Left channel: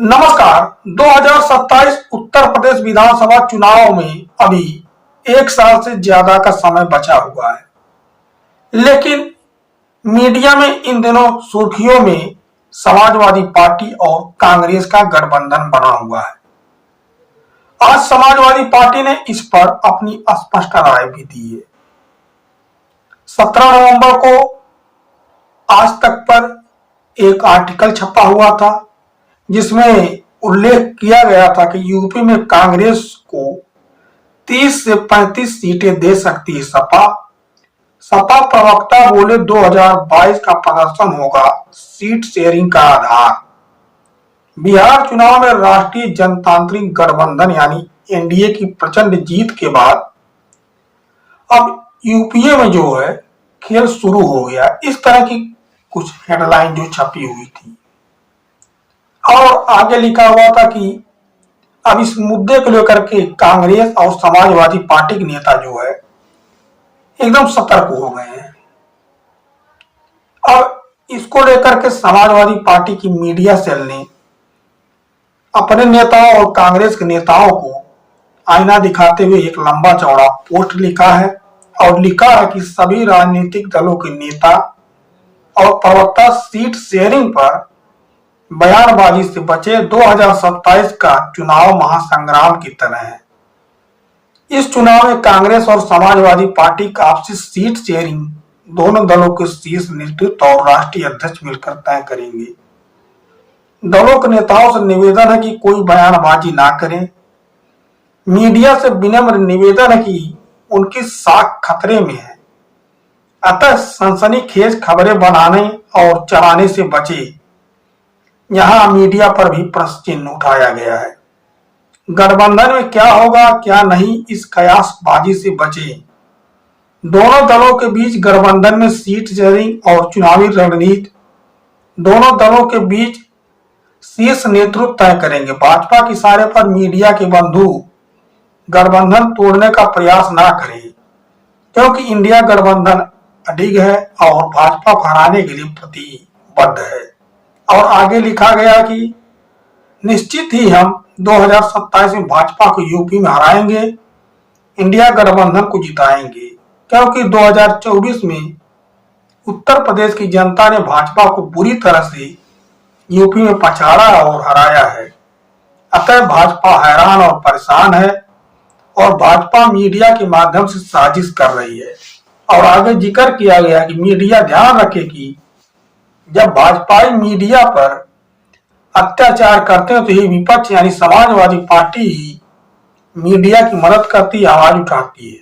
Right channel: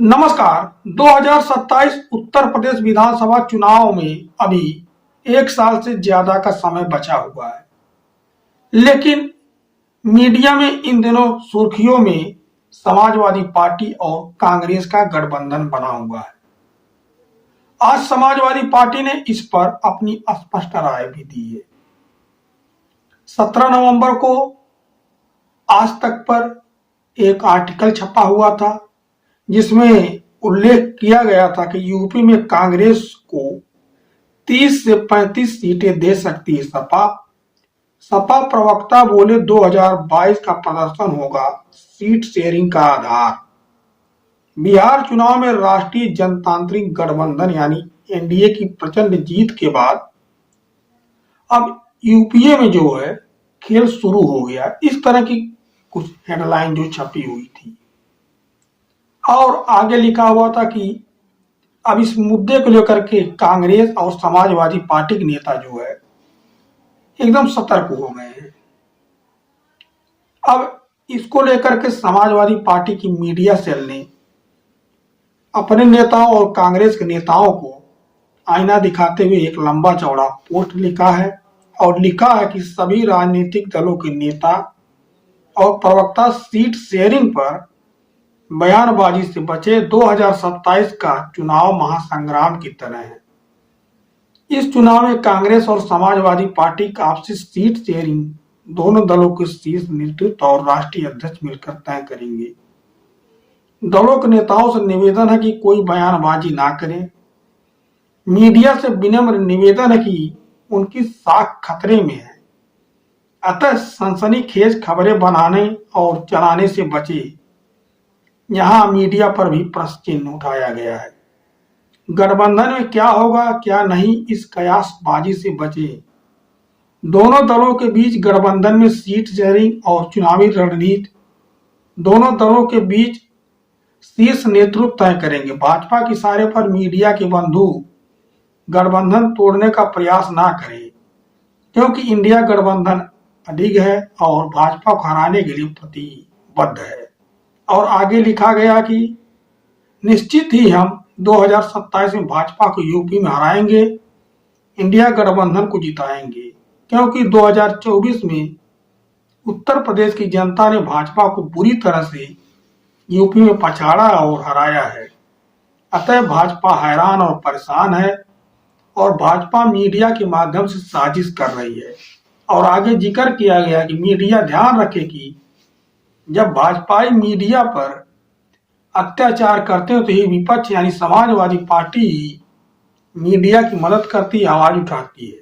नमस्कार। 2027 उत्तर प्रदेश विधानसभा चुनाव में अभी एक साल से ज्यादा का समय बचा हुआ है, लेकिन मीडिया में इन दिनों सुर्खियों में समाजवादी पार्टी और कांग्रेस का गठबंधन बना हुआ है। आज समाजवादी पार्टी ने इस पर अपनी स्पष्ट राय भी दी है। 17 नवंबर को आज तक पर एक आर्टिकल छपा हुआ था जिसमें उल्लेख किया गया था कि यूपी में कांग्रेस को 30 से 35 सीटें दे सकती है सपा प्रवक्ता बोले 2022 का प्रदर्शन होगा सीट शेयरिंग का आधार। बिहार चुनाव में राष्ट्रीय जनतांत्रिक गठबंधन यानी एनडीए की प्रचंड जीत के बाद अब यूपीए में जो है खेल शुरू हो गया। इस तरह की कुछ हेडलाइन जो छपी हुई थी और आगे लिखा हुआ था कि अब इस मुद्दे को लेकर के कांग्रेस और समाजवादी पार्टी के नेता जो है एकदम सतर्क हो गए हैं। अब इसको लेकर के समाजवादी पार्टी की मीडिया सेल ने अपने नेताओं और कांग्रेस के नेताओं को आईना दिखाते हुए एक लंबा चौड़ा पोस्ट लिखा है और लिखा है कि सभी राजनीतिक दलों के नेता और प्रवक्ता सीट शेयरिंग पर बयानबाजी से बचे। 2027 का चुनाव महासंग्राम की तरह है। इस चुनाव में कांग्रेस और समाजवादी पार्टी का आपसी सीट शेयरिंग दोनों दलों के शीर्ष नेतृत्व और राष्ट्रीय अध्यक्ष मिलकर तय करेंगे। दलों के नेताओं से निवेदन है कि कोई बयानबाजी ना करें। मीडिया से विनम्र निवेदन है कि उनकी साख खतरे में है, अतः सनसनीखेज खबरें बनाने और चलाने से बचे। यहां मीडिया पर भी प्रश्न चिन्ह उठाया गया है। गठबंधन में क्या होगा क्या नहीं, इस कयासबाजी से बचे। दोनों दलों के बीच गठबंधन में सीट शेयरिंग और चुनावी रणनीति दोनों दलों के बीच शीर्ष नेतृत्व तय करेंगे। भाजपा के इशारे पर मीडिया के बंधु गठबंधन तोड़ने का प्रयास ना करें, क्योंकि इंडिया गठबंधन अडिग है और भाजपा को हराने के लिए प्रतिबद्ध है। और आगे लिखा गया कि निश्चित ही हम 2027 में भाजपा को यूपी में हराएंगे, इंडिया गठबंधन को जिताएंगे, क्योंकि 2024 में उत्तर प्रदेश की जनता ने भाजपा को बुरी तरह से यूपी में पछाड़ा और हराया है। अतः भाजपा हैरान और परेशान है और भाजपा मीडिया के माध्यम से साजिश कर रही है। और आगे जिक्र किया गया कि मीडिया ध्यान रखे कि जब भाजपाई मीडिया पर अत्याचार करते हैं तो ये विपक्ष यानी समाजवादी पार्टी मीडिया की मदद करती, आवाज उठाती है।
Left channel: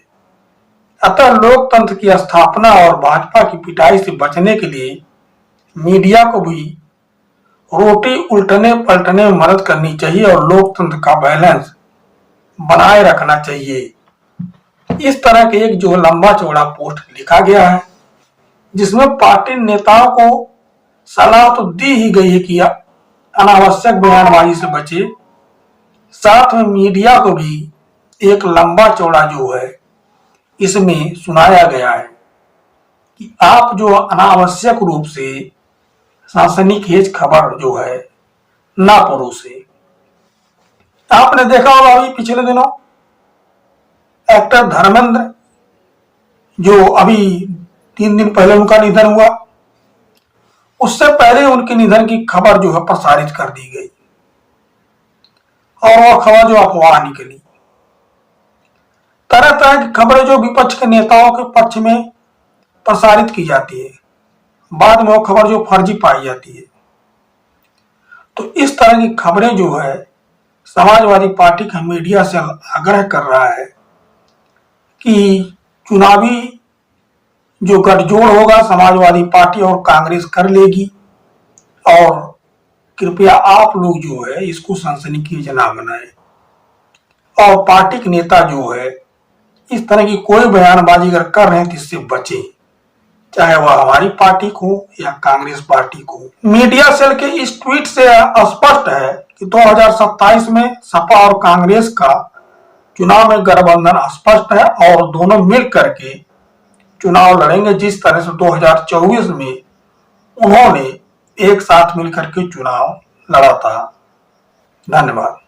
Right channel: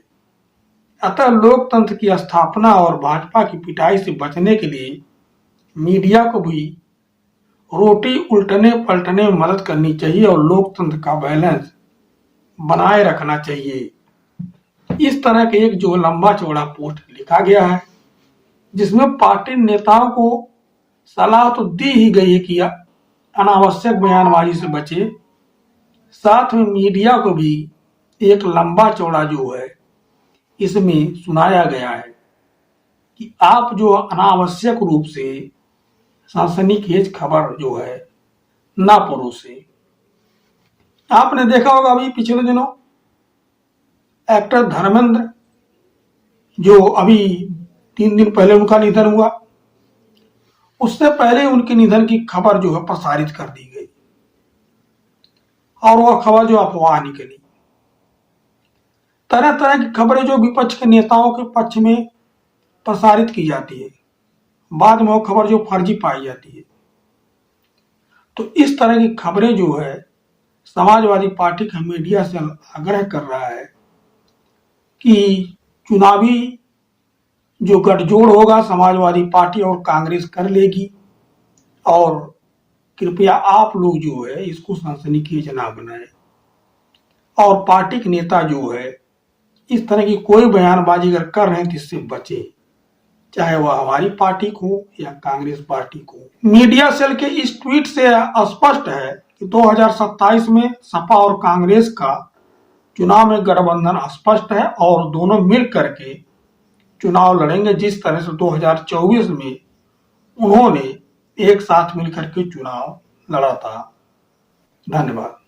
अतः लोकतंत्र की स्थापना और भाजपा की पिटाई से बचने के लिए मीडिया को भी रोटी उल्टने पलटने में मदद करनी चाहिए और लोकतंत्र का बैलेंस बनाए रखना चाहिए। इस तरह के एक जो लंबा चौड़ा पोस्ट लिखा गया है जिसमें पार्टी नेताओं को सलाह तो दी ही गई है कि अनावश्यक बयानबाजी से बचे, साथ में मीडिया को भी एक लंबा चौड़ा जो है इसमें सुनाया गया है कि आप जो अनावश्यक रूप से सनसनीखेज खबर जो है ना परोसे। आपने देखा होगा अभी पिछले दिनों एक्टर धर्मेंद्र जो अभी 3 दिन पहले उनका निधन हुआ, उससे पहले उनके निधन की खबर जो है प्रसारित कर दी गई और वह खबर जो अफवाह निकली। तरह तरह की खबरें जो विपक्ष के नेताओं के पक्ष में प्रसारित की जाती है, बाद में वो खबर जो फर्जी पाई जाती है। तो इस तरह की खबरें जो है समाजवादी पार्टी का मीडिया से आग्रह कर रहा है कि चुनावी जो गठजोड़ होगा समाजवादी पार्टी और कांग्रेस कर लेगी और कृपया आप लोग जो है इसको सनसनीखेज ना बनाए और पार्टी के नेता जो है इस तरह की कोई बयानबाजी अगर कर रहे हैं तो इससे बचे, चाहे वह हमारी पार्टी को या कांग्रेस पार्टी को। मीडिया सेल के इस ट्वीट से स्पष्ट है कि 2027 में सपा और कांग्रेस का चुनाव में गठबंधन स्पष्ट है और दोनों मिल करके चुनाव लड़ेंगे, जिस तरह से 2024 में उन्होंने एक साथ मिलकर के चुनाव लड़ा था। धन्यवाद।